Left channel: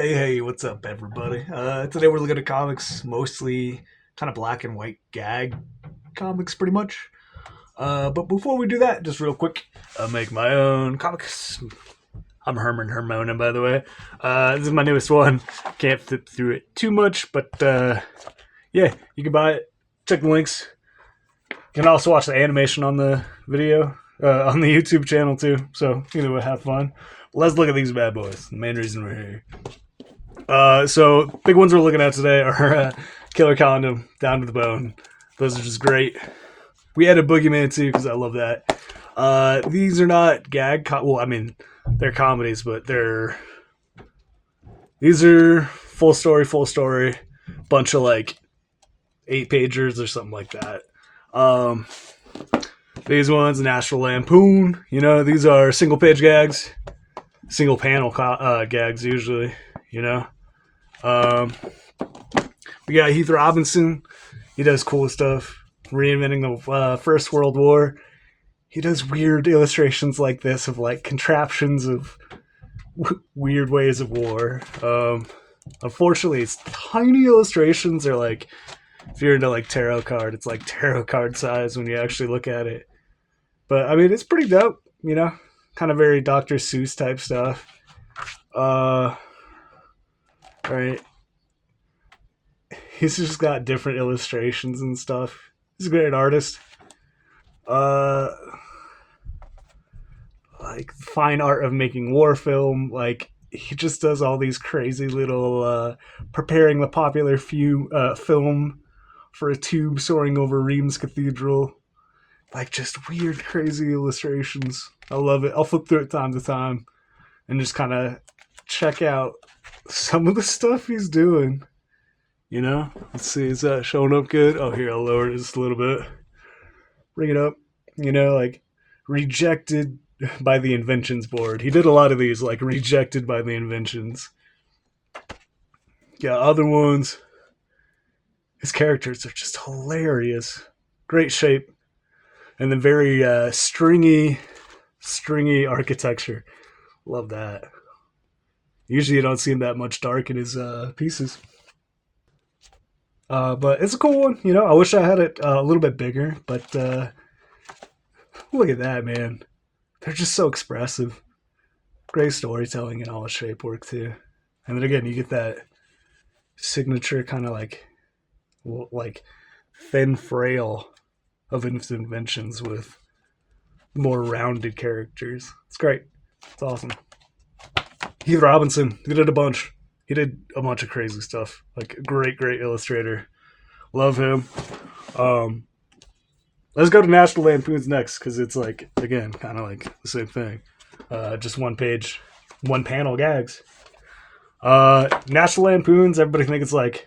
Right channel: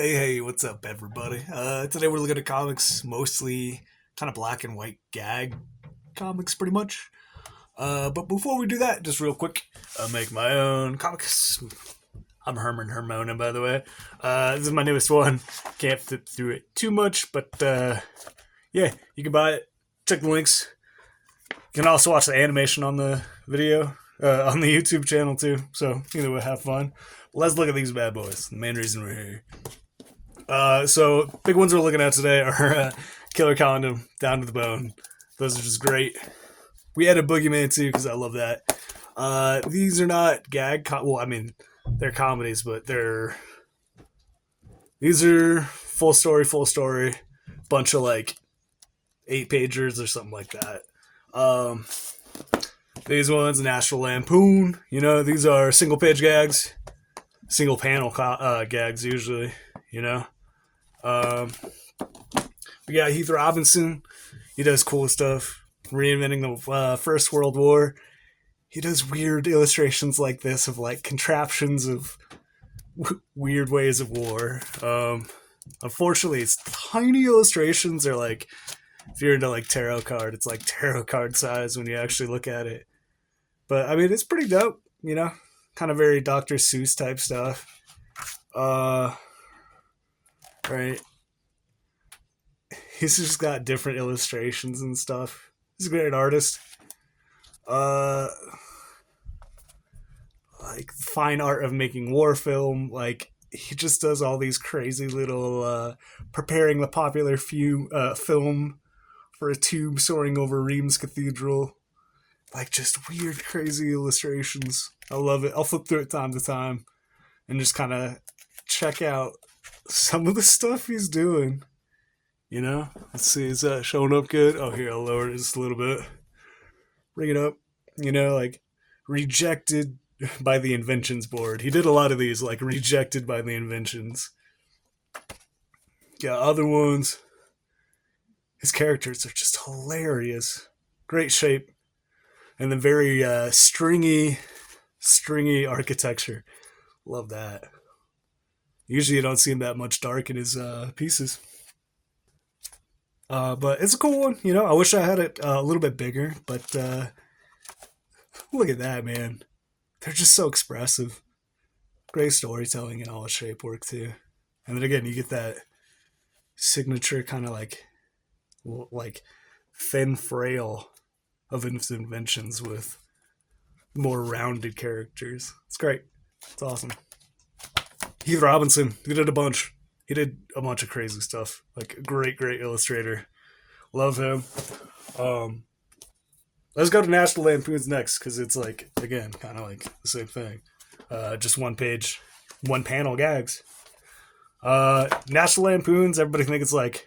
Hey, what's up, everybody? Today we're looking at comics, mostly kind of black and white gag comics, pretty much. But before we do that, just real quick, I make my own comics. I'm Herman Hermona, by the way. This is my newest one. Can't flip through it too much, but yeah, you can buy it. Check the links. You can also watch the animation on the video, on the YouTube channel too. So, have fun. Let's look at these bad boys. The main reason we're here. So big ones we're looking at today are Killer Condom, Down to the Bone. Those are just great. We had a Boogeyman too because I love that. These are not well, I mean, they're comedies, but these are full story, bunch of like 8-pagers or something like that. These ones, National Lampoon. These are single page gags, single panel gags usually. We got Heath Robinson. He does cool stuff, reinventing the First World War. He does weird illustrations like this of like contraptions of weird ways of war. Unfortunately, it's tiny illustrations. Are like, if you're into like tarot card, it's like tarot card size when you actually look at it. But I mean, it's pretty dope. Kind of very Dr. Seuss type stuff. Right. He's just got different illustrations and stuff. He's a great artist. Like fine art of making war film. Like he just does all these crazy little preparing the popular film for a tube soaring over Reims Cathedral. Like just weird, crazy illustrations. I love it. I'll flip through it time to time and just kind of check out some of the stuff he's doing. Let's see, is that showing up good? Oh, here, I'll lower it just a little bit. Bring it up. Like rejected by the Inventions Board. He did a lot of these, like rejected by the Inventions. Yeah, other ones. His characters are just hilarious. Great shape. And then very stringy architecture. Love that. Usually you don't see him that much dark in his pieces. But it's a cool one. I wish I had it a little bit bigger, but look at that, man. They're just so expressive. Great storytelling and all the shape work, too. And then again, you get that signature kind of like thin frail of inventions with more rounded characters. It's great. It's awesome. Heath Robinson, he did a bunch. He did a bunch of crazy stuff. Like, great illustrator. Love him. Let's go to National Lampoons next, because it's like, again, kind of like the same thing. Just one page, one panel gags. National Lampoons, everybody thinks it's like,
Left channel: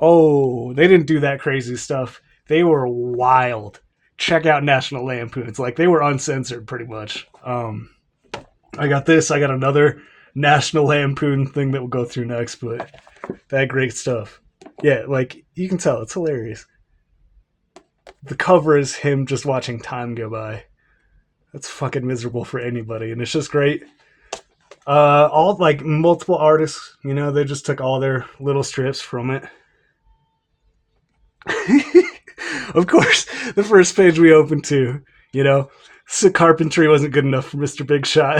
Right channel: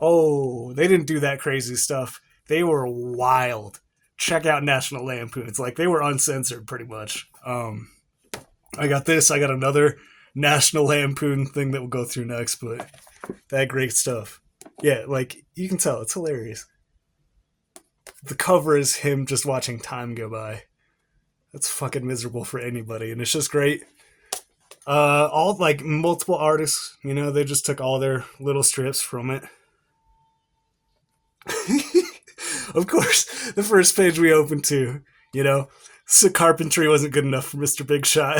oh, they didn't do that crazy stuff. They were wild. Check out National Lampoons. Like, they were uncensored, pretty much. I got this. I got another National Lampoon thing that we'll go through next, but that great stuff. Yeah, like, you can tell. It's hilarious. The cover is him just watching time go by. That's fucking miserable for anybody, and it's just great. All, like, multiple artists, they just took all their little strips from it. Of course, the first page we opened to, so carpentry wasn't good enough for Mr. Big Shot.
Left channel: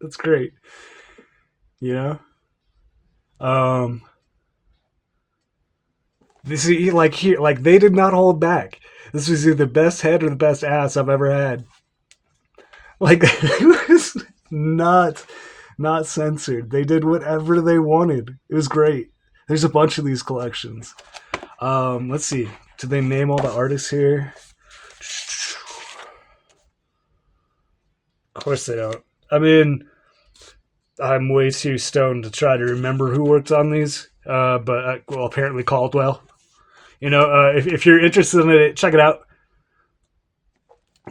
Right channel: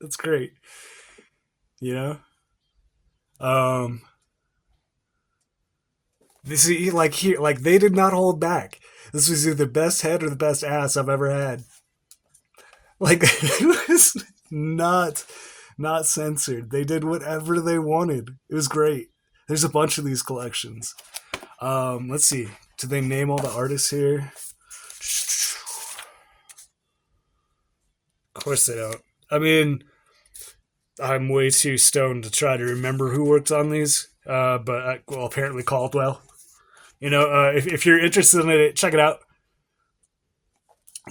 That's great. This is like here, like they did not hold back. This was either the best head or the best ass I've ever had. Like it was not censored. They did whatever they wanted. It was great. There's a bunch of these collections. Let's see. Did they name all the artists here? Of course they don't. I mean, I'm way too stoned to try to remember who worked on these. But apparently Caldwell. If you're interested in it, check it out.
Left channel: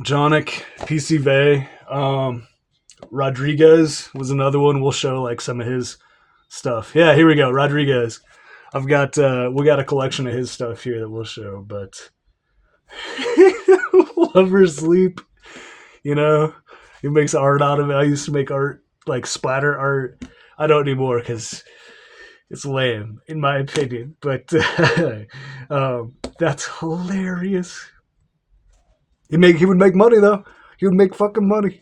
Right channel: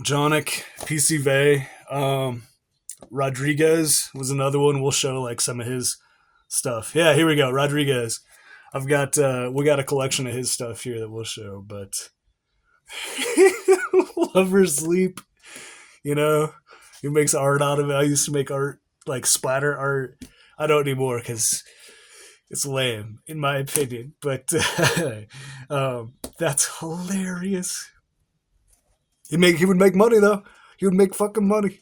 Jonick, PC Vey, Rodriguez was another one. We'll show like some of his stuff. Yeah, here we go. Rodriguez. We got a collection of his stuff here that we'll show, but Lover's Sleep, he makes art out of it. I used to make art like splatter art. I don't anymore because it's lame in my opinion. But that's hilarious. He would make money though. He would make fucking money.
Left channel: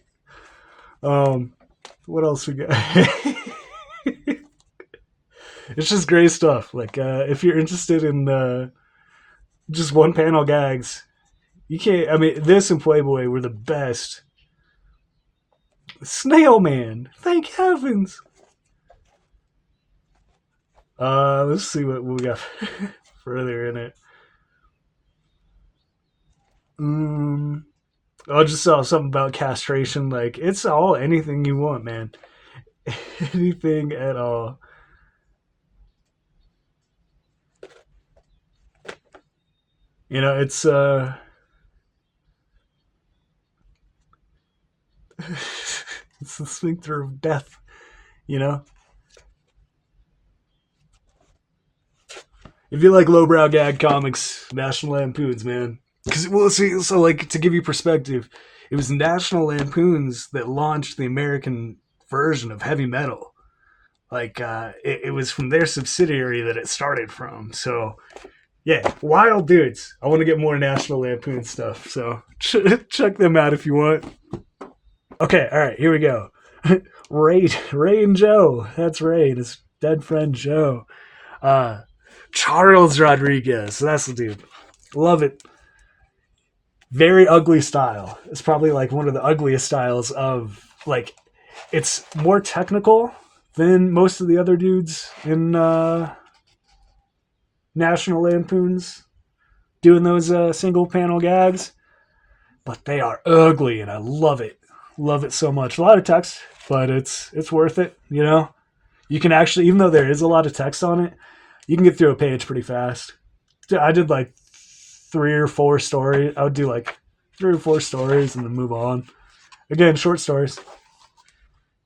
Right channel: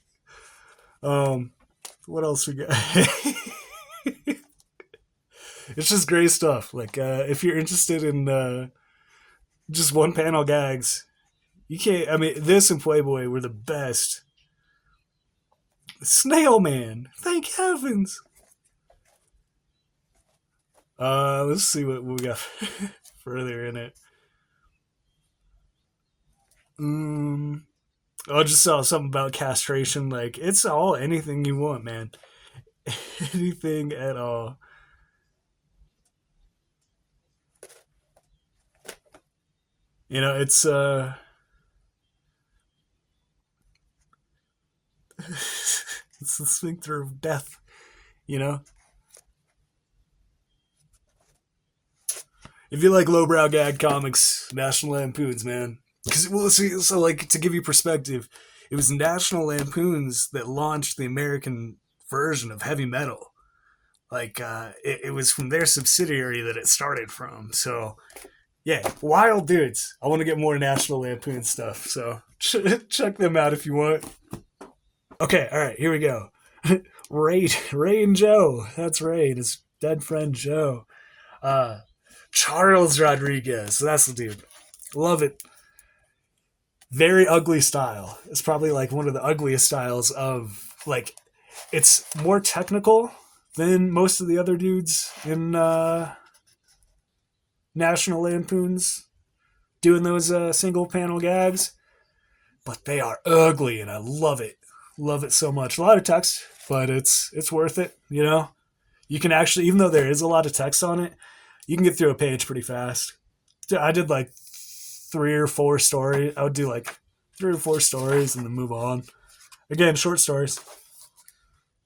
Um, what else we got? It's just great stuff. Like if you're interested in just one panel gags, you can't. I mean, this and Playboy were the best. Snail Man, thank heavens. Let's see what we got further in it. I just saw something about castration. Like it's all anything you want, man. Anything at all. You know, it's it's the sphincter of death. You know, if you like lowbrow gag comics, National Lampoons, man. Because well, see, so like to give you perspective, it was National Lampoons that launched the American version of heavy metal. Like it was from their subsidiary that it started from. So yeah, wild dudes. I want to get more National Lampoon stuff, so check them out if you want. Okay, all right, here we go. Ray and Joe. That's Ray and his dead friend Joe. Uh, Charles Rodriguez. That's the dude. Love it. Very ugly style. It's probably like one of the ugliest styles of like. It's more technical than most of the other dudes in National Lampoons doing those single panel gags, but they are ugly and I love it. Love it so much. A lot of text, but it's worth it. You know, you can actually, even though there is a lot of text on it, you can get through a page pretty fast. I did like 3 or 4 stories. I would do like 3 or 4 stories and then move on. Again, short stories.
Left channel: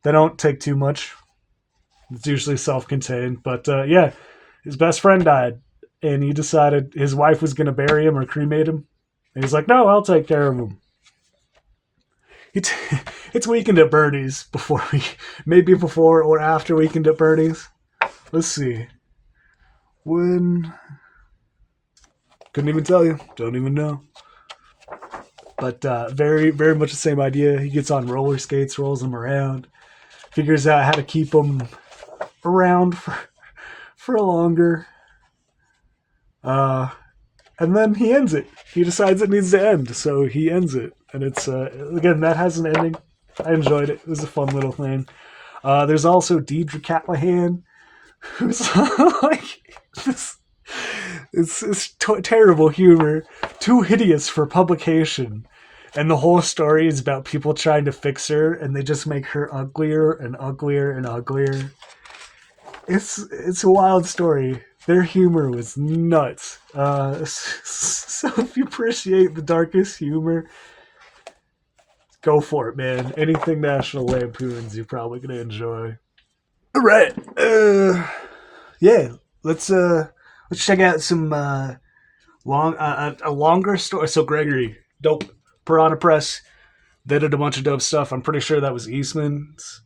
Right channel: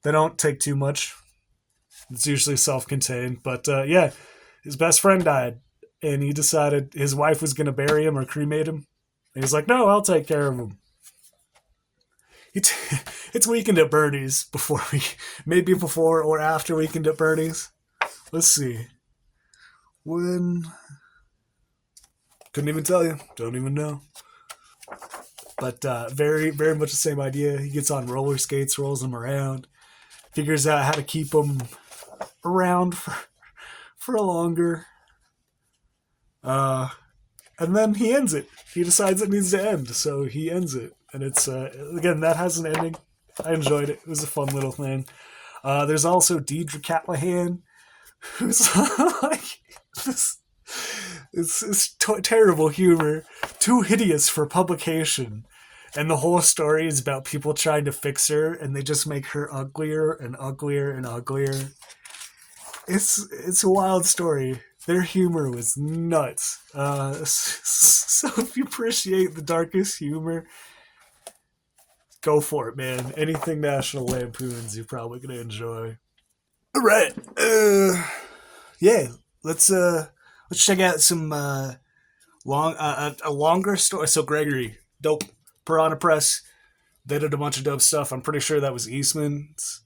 They don't take too much. It's usually self-contained, but yeah, his best friend died, and he decided his wife was going to bury him or cremate him. And he's like, "No, I'll take care of him." It's Weekend at Bernie's maybe before or after Weekend at Bernie's. Let's see. When? Couldn't even tell you. Don't even know. But very, very much the same idea. He gets on roller skates, rolls them around, figures out how to keep them around for longer. And then he ends it. He decides it needs to end, so he ends it. And it's, again, that has an ending. I enjoyed it. It was a fun little thing. There's also Deidre Callahan, who's like, it's terrible humor, too hideous for publication. And the whole story is about people trying to fix her, and they just make her uglier and uglier and uglier. It's a wild story. Their humor was nuts. So if you appreciate the darkest humor, go for it, man. Anything National Lampoons, you're probably gonna enjoy. All right, yeah. Let's check out some a longer story. So Gregory, dope. Piranha Press. They did a bunch of dope stuff. I'm pretty sure that was Eastman's.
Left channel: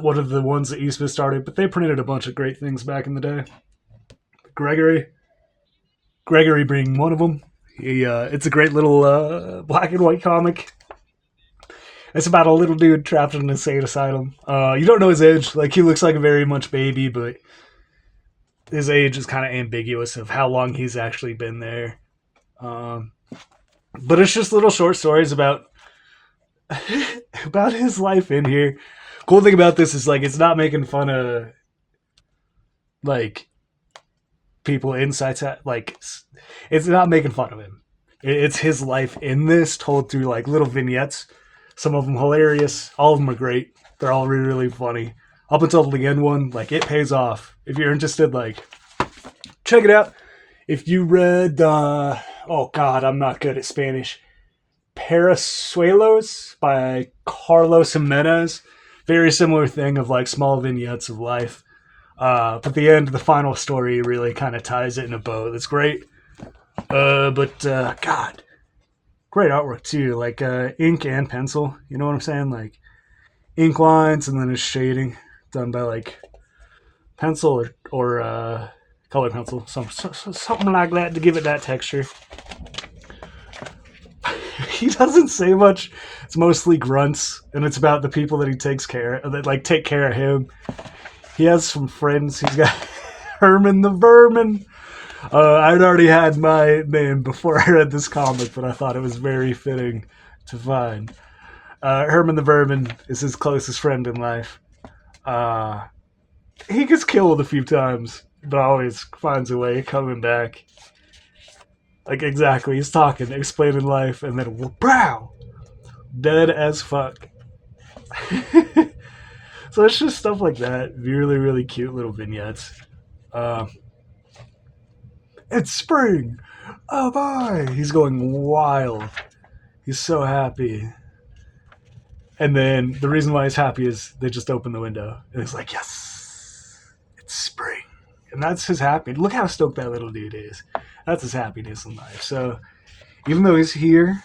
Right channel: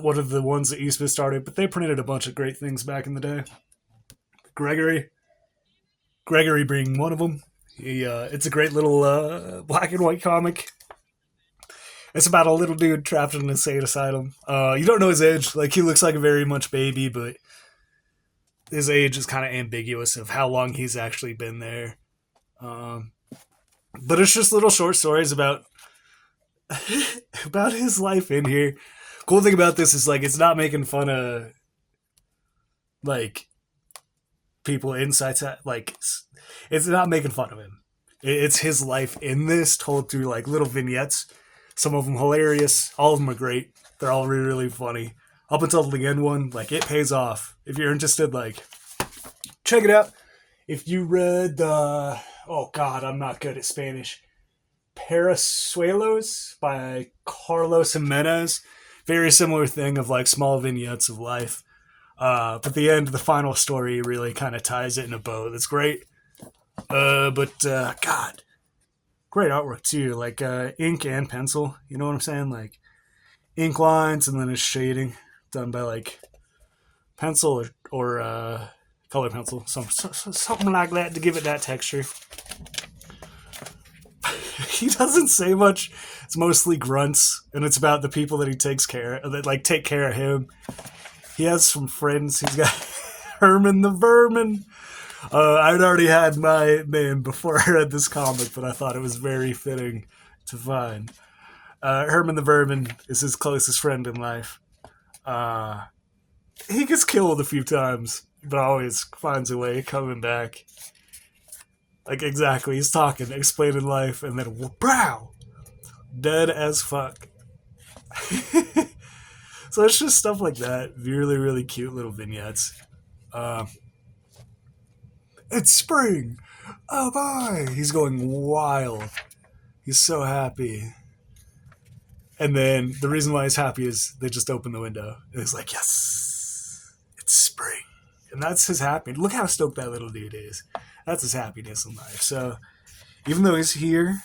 One of the ones that Eastman started, but they printed a bunch of great things back in the day. Gregory being one of them. It's a great little black and white comic. It's about a little dude trapped in an insane asylum. You don't know his age. Like, he looks like a very much baby, but his age is kind of ambiguous of how long he's actually been there. But it's just little short stories about about his life in here. Cool thing about this is, like, it's not making fun of, like, people inside, like, it's not making fun of him. It's his life in this, told through, like, little vignettes. Some of them hilarious. All of them are great. They're all really, really funny. Up until the end one, like, it pays off. If you're interested, like, check it out. If you read, oh God, I'm not good at Spanish. Parasuelos by Carlos Jimenez. Very similar thing of, like, small vignettes of life. But the end, the final story really kind of ties it in a bow. That's great. But God, great artwork too. Like ink and pencil. You know what I'm saying? Like, ink lines, and then his shading done by like pencil or color pencil, something like that to give it that texture. He doesn't say much. It's mostly grunts, and it's about the people that he takes care of, that like take care of him. He has some friends. He's got Herman the Vermin. I'd already had my name before I read this comic, but I thought it was very fitting to find. Herman the Vermin is his closest friend in life. He gets killed a few times, but always finds a way coming back. Like, exactly, he's talking, explaining life, and then, pow! Dead as fuck. So it's just stuff like that. Really, really cute little vignettes. It's spring! Oh boy! He's going wild. He's so happy. And then the reason why he's happy is they just open the window. And it's like, yes! It's spring. And that's his happiness. Look how stoked that little dude is. That's his happiness in life. So even though he's here,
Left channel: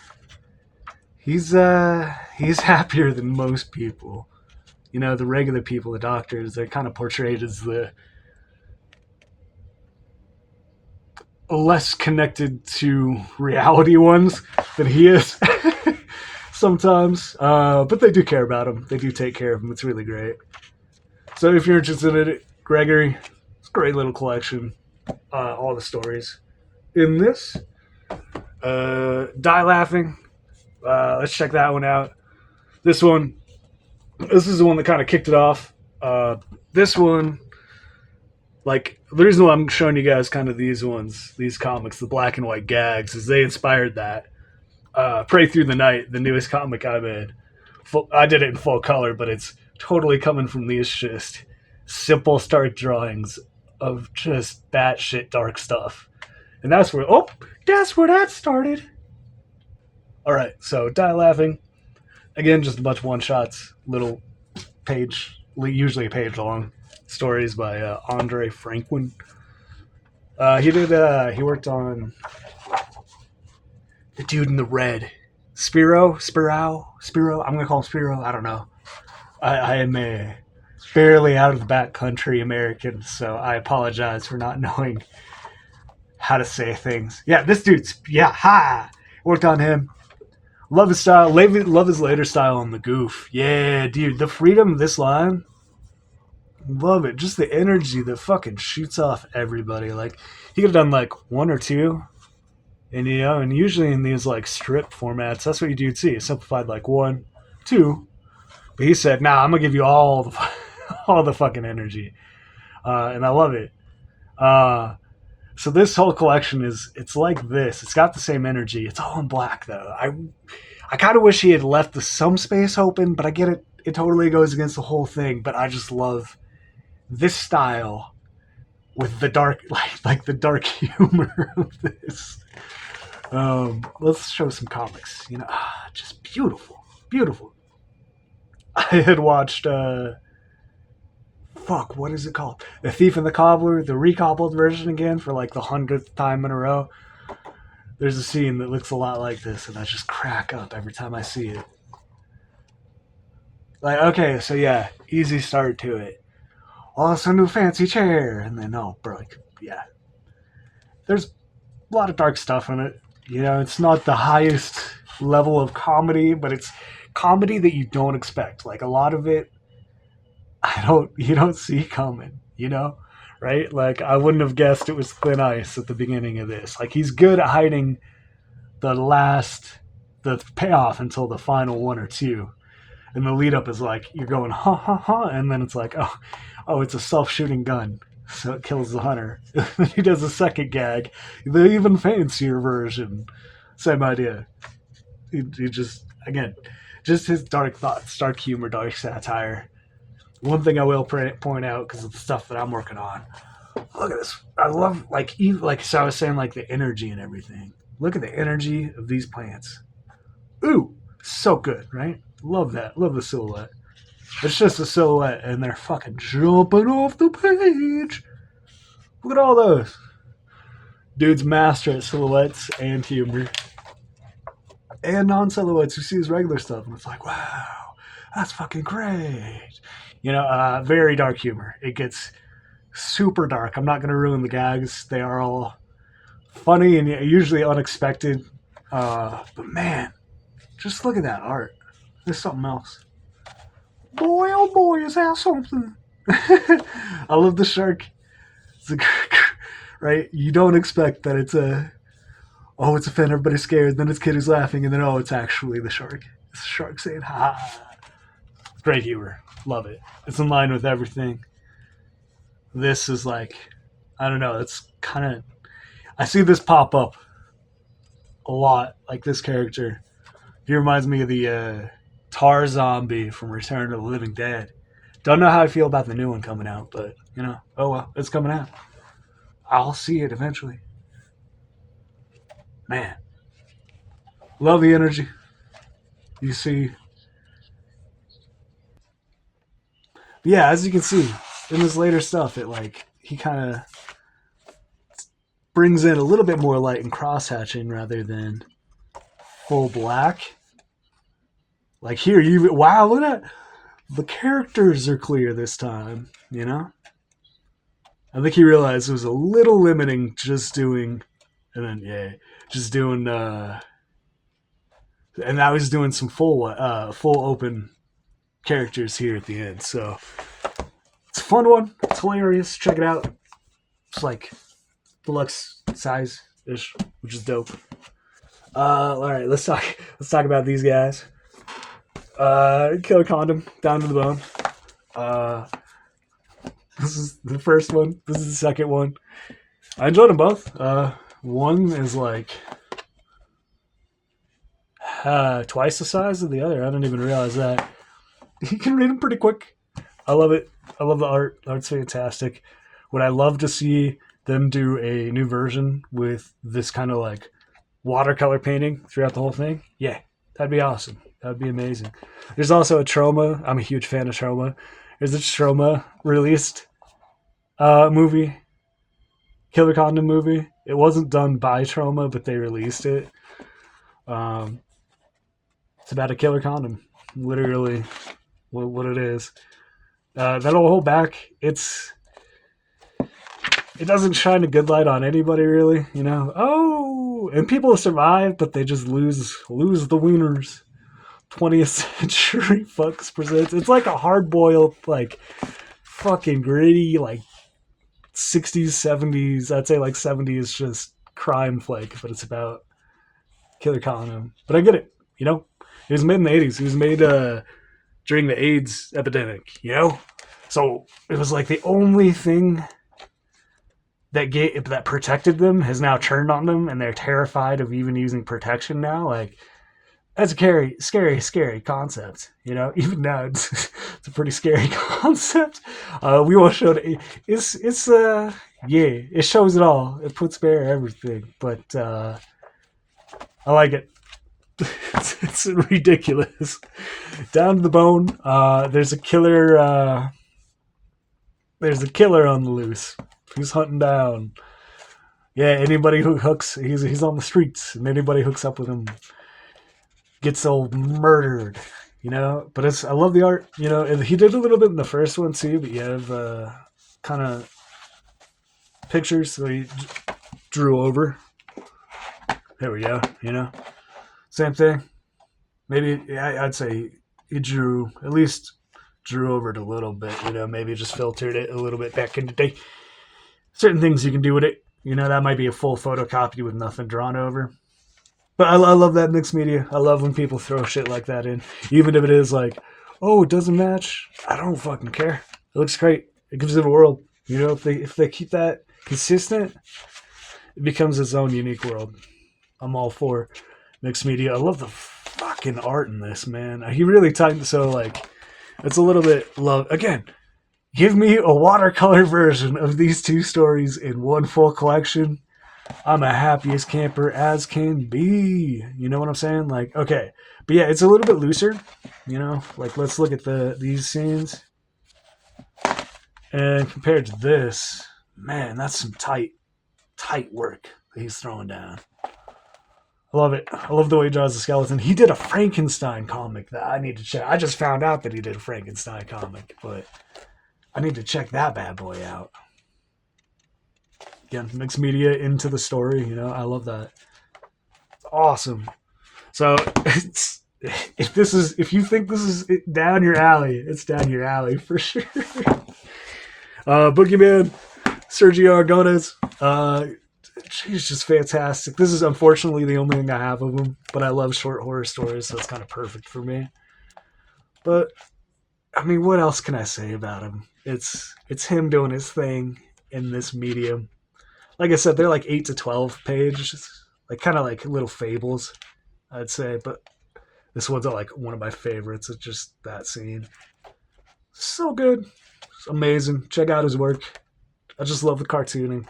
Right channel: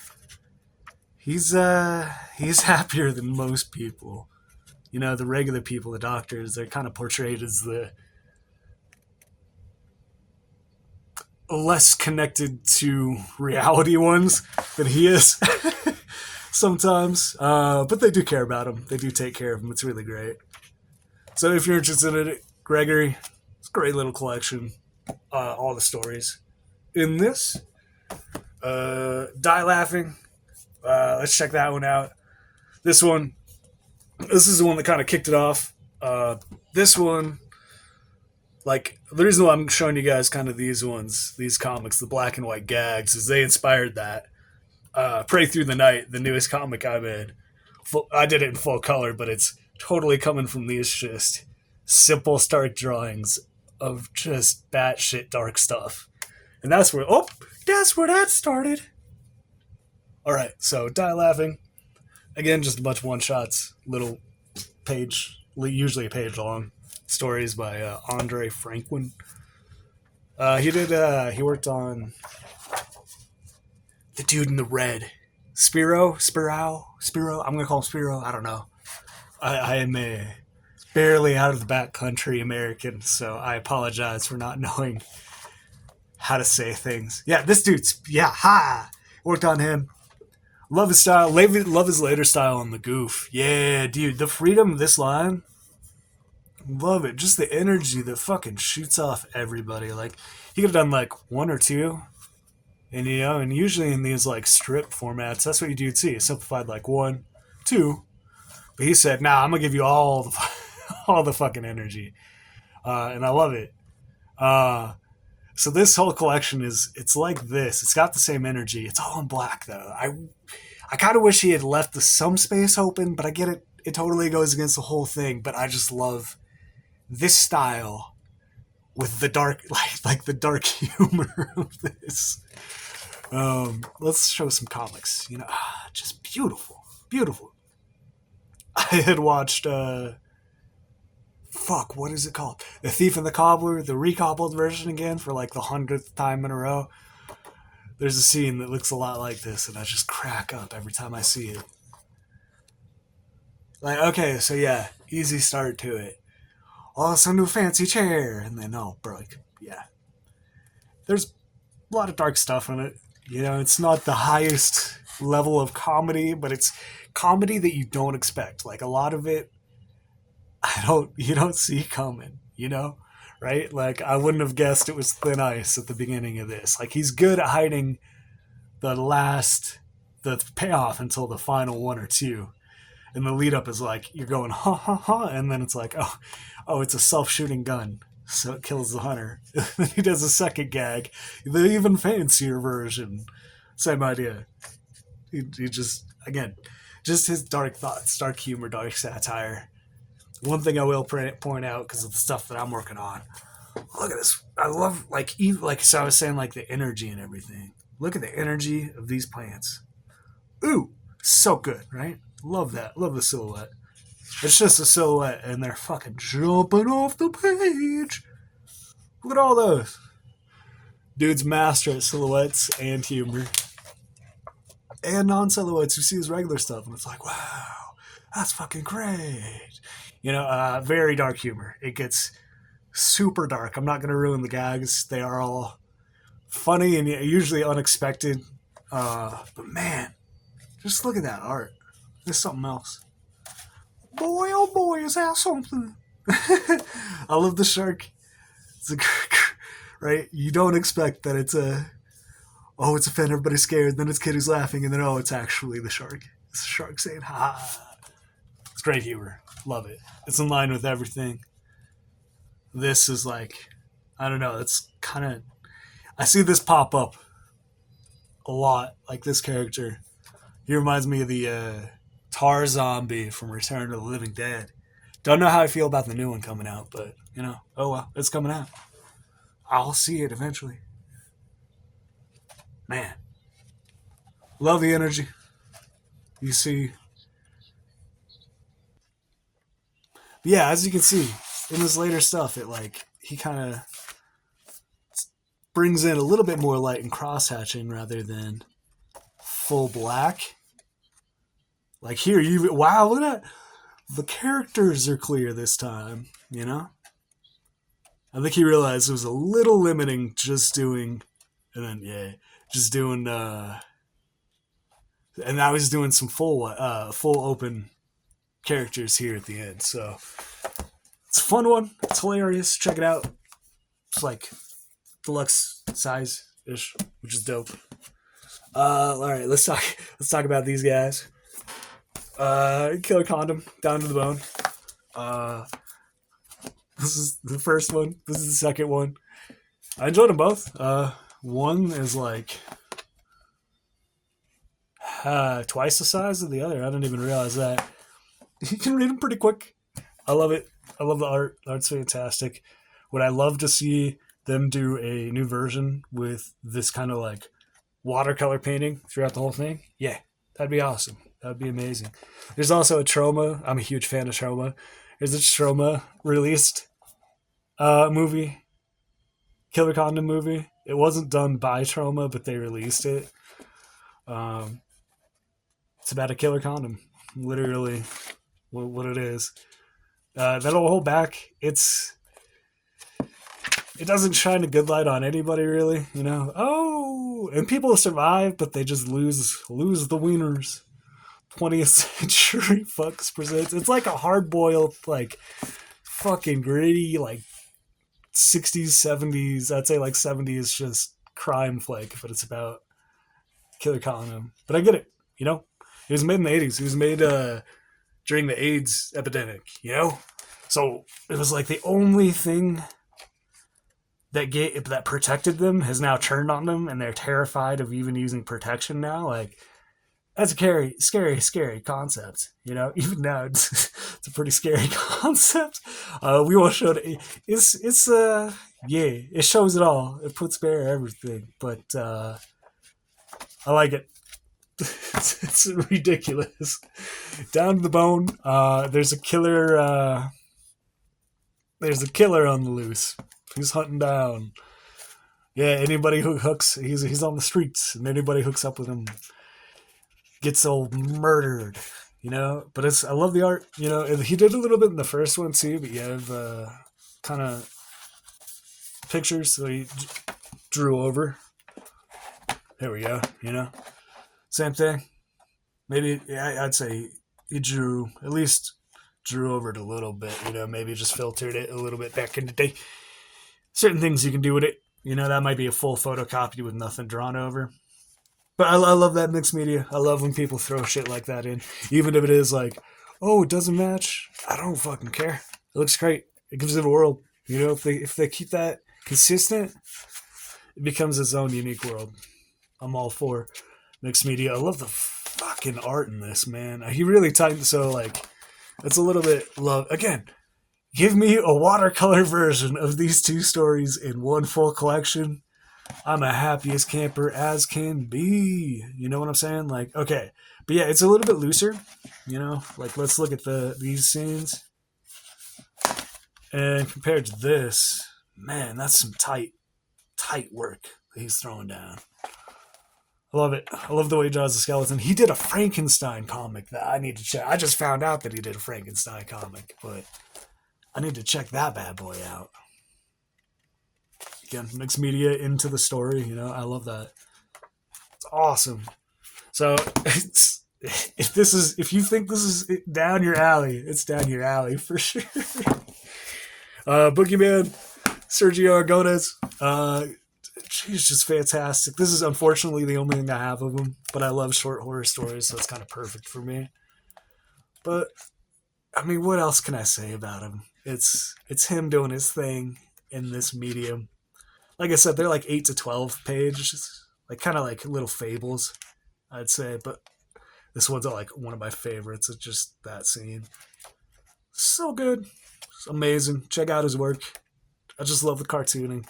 he's happier than most people. You know, the regular people, the doctors, they're kind of portrayed as the less connected to reality ones than he is sometimes. But they do care about him. They do take care of him. It's really great. So if you're interested in it, Gregory, it's a great little collection. All the stories in this. Die Laughing. Let's check that one out. This is the one that kind of kicked it off. This one, like, the reason why I'm showing you guys kind of these comics, the black and white gags, is they inspired that. Pray Through the Night, the newest comic I made. I did it in full color, but it's totally coming from these just simple, stark drawings of just batshit dark stuff. And that's where that started. All right, so Die Laughing. Again, just a bunch of one-shots, little page, usually a page long, stories by Andre Franklin. He worked on the dude in the red. Spiro? I'm going to call him Spiro. I don't know. I am a barely out of the backcountry American, so I apologize for not knowing how to say things. Yeah, this dude's, worked on him. Love his style. Love his later style on the goof. Yeah, dude, the freedom of this line. Love it. Just the energy that fucking shoots off everybody. Like, he could have done like one or two. And and usually in these like strip formats, that's what you do see. Simplified like 1, 2. But he said, nah, I'm gonna give you all the fucking energy. And I love it. So this whole collection it's like this. It's got the same energy. It's all in black though. I kind of wish he had left some space open, but I get it. It totally goes against the whole thing. But I just love this style with the dark, like the dark humor of this. Let's show some comics. Just beautiful, beautiful. I had watched what is it called? The Thief and the Cobbler, the recobbled version again for like the 100th time in a row. There's a scene that looks a lot like this, and I just crack up every time I see it. Like, okay, so yeah, easy start to it. Oh, it's a new fancy chair, and then there's a lot of dark stuff in it. It's not the highest level of comedy, but it's comedy that you don't expect. Like a lot of it, you don't see coming, right? Like I wouldn't have guessed it was Thin Ice at the beginning of this. Like he's good at hiding the payoff until the final 1 or 2. And the lead up is like, you're going, ha ha ha. And then it's like, oh, it's a self-shooting gun. So it kills the hunter. He does a second gag, the even fancier version. Same idea. He just, again, just his dark thoughts, dark humor, dark satire. One thing I will point out, because of the stuff that I'm working on, look at this. I love, so I was saying, like the energy and everything. Look at the energy of these plants. Ooh, so good, right? Love that. Love the silhouette. It's just a silhouette, and they're fucking jumping off the page. Look at all those. Dude's master at silhouettes and humor. And non-silhouettes. You see his regular stuff, and it's like, wow. That's fucking great. Very dark humor. It gets super dark. I'm not going to ruin the gags. They are all funny and usually unexpected. But man, just look at that art. There's something else. Boy, oh boy, is that something? I love the shark. It's a, right? You don't expect that it's it's a fin, everybody's scared. Then it's kid who's laughing, and then, it's actually the shark. It's the shark saying, ha. It's great humor. Love it. It's in line with everything. This is like, I don't know, it's kind of, I see this pop up a lot, like this character. He reminds me of the Tar Zombie from Return of the Living Dead. Don't know how I feel about the new one coming out, but, oh well, it's coming out. I'll see it eventually. Man. Love the energy. You see. But yeah, as you can see, in this later stuff, he kind of brings in a little bit more light and cross-hatching rather than full black. Like here, wow, look at that. The characters are clear this time, I think he realized it was a little limiting just doing, and then, just doing, and now he's doing some full open characters here at the end. So it's a fun one. It's hilarious. Check it out. It's like deluxe size ish, which is dope. All right, let's talk about these guys. Killer Condom, Down to the Bone. This is the first one. This is the second one. I enjoyed them both. One is like twice the size of the other. I didn't even realize that. You can read them pretty quick. I love it. I love the art. The art's fantastic. Would I love to see them do a new version with this kind of like watercolor painting throughout the whole thing? Yeah, that'd be awesome. That'd be amazing. There's also a Troma. I'm a huge fan of Troma. There's a Troma released movie, Killer Condom movie. It wasn't done by Troma, but they released it. It's about a killer condom, literally what it is. That'll hold back. It doesn't shine a good light on anybody, really. And people survive, but they just lose the wieners. 20th Century Fox presents. It's like a hard-boiled, like, fucking gritty, like, 60s, 70s, I'd say like 70s just crime flick, but it's about Killer Condom. But I get it, It was made in the 80s. It was made during the AIDS epidemic, So it was like the only thing that protected them has now turned on them, and they're terrified of even using protection now. Like, that's a scary concept, Even now, it's a pretty scary concept. We won't show it. It shows it all. It puts bare everything, but I like it. It's ridiculous. Down to the bone. There's a killer. There's a killer on the loose. He's hunting down. Yeah, anybody who hooks, he's on the streets, and anybody hooks up with him gets all murdered, But I love the art, And he did a little bit in the first one too. But you have kind of pictures that he drew over. There we go. Same thing. Maybe I'd say he drew over it a little bit. Maybe just filtered it a little bit back in the day. Certain things you can do with it. That might be a full photocopy with nothing drawn over. But I love that mixed media. I love when people throw shit like that in. Even if it is like, it doesn't match. I don't fucking care. It looks great. It gives it a world. If they keep that consistent, it becomes its own unique world. I'm all for mixed media. I love the fucking art in this, man. He really tightened, so like, it's a little bit love. Again, give me a watercolor version of these two stories in one full collection. I'm a happiest camper as can be. You know what I'm saying? Like, okay. But yeah, it's a little bit looser. Like, let's look at these scenes. And compared to this, man, that's some tight work that he's throwing down. I love it. I love the way he draws the skeleton. He did a Frankenstein comic that I need to check. I just found out that he did a Frankenstein comic, but I need to check that bad boy out. Again, mixed media into the story. I love that. It's awesome. So if you think this is down your alley, it's down your alley for sure. Boogeyman, Sergio Aragonés. He's just fantastic. This is unfortunately the only thing I have of him, but I love short horror stories, so it's kind of perfect for me. But I mean, what else can I say about him? It's him doing his thing in this medium. Like I said, they're like 8 to 12 pages, like kind of like little fables, I'd say. But this one's like one of my favorites. It's just that scene. So good. It's amazing. Check out his work. I just love the cartooning.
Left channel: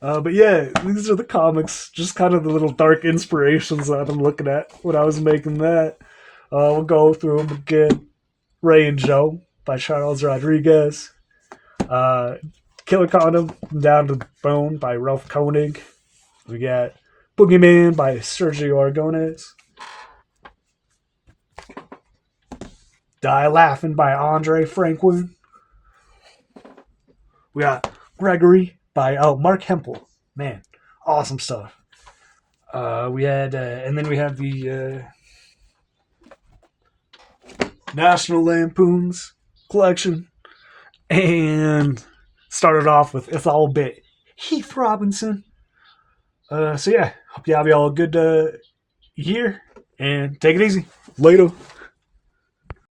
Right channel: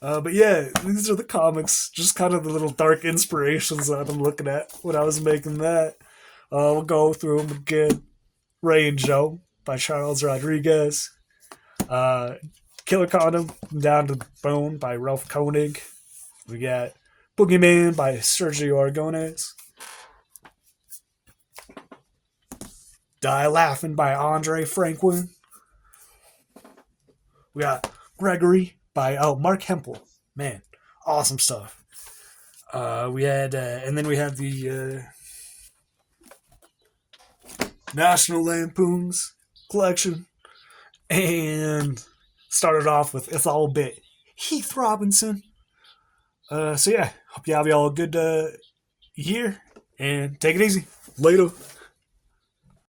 But yeah, these are the comics. Just kind of the little dark inspirations that I've been looking at when I was making that. We'll go through them again. Ray and Joe by Charles Rodriguez. Killer Condom Down to Bone by Ralph Koenig. We got Boogeyman by Sergio Aragonés. Die Laughing by Andre Franklin. We got Gregory by Mark Hempel. Man, awesome stuff. We had, and then we have the National Lampoon's collection, and started off with It's All a Bit Heath Robinson. So yeah, hope you have y'all a good year, and take it easy. Later.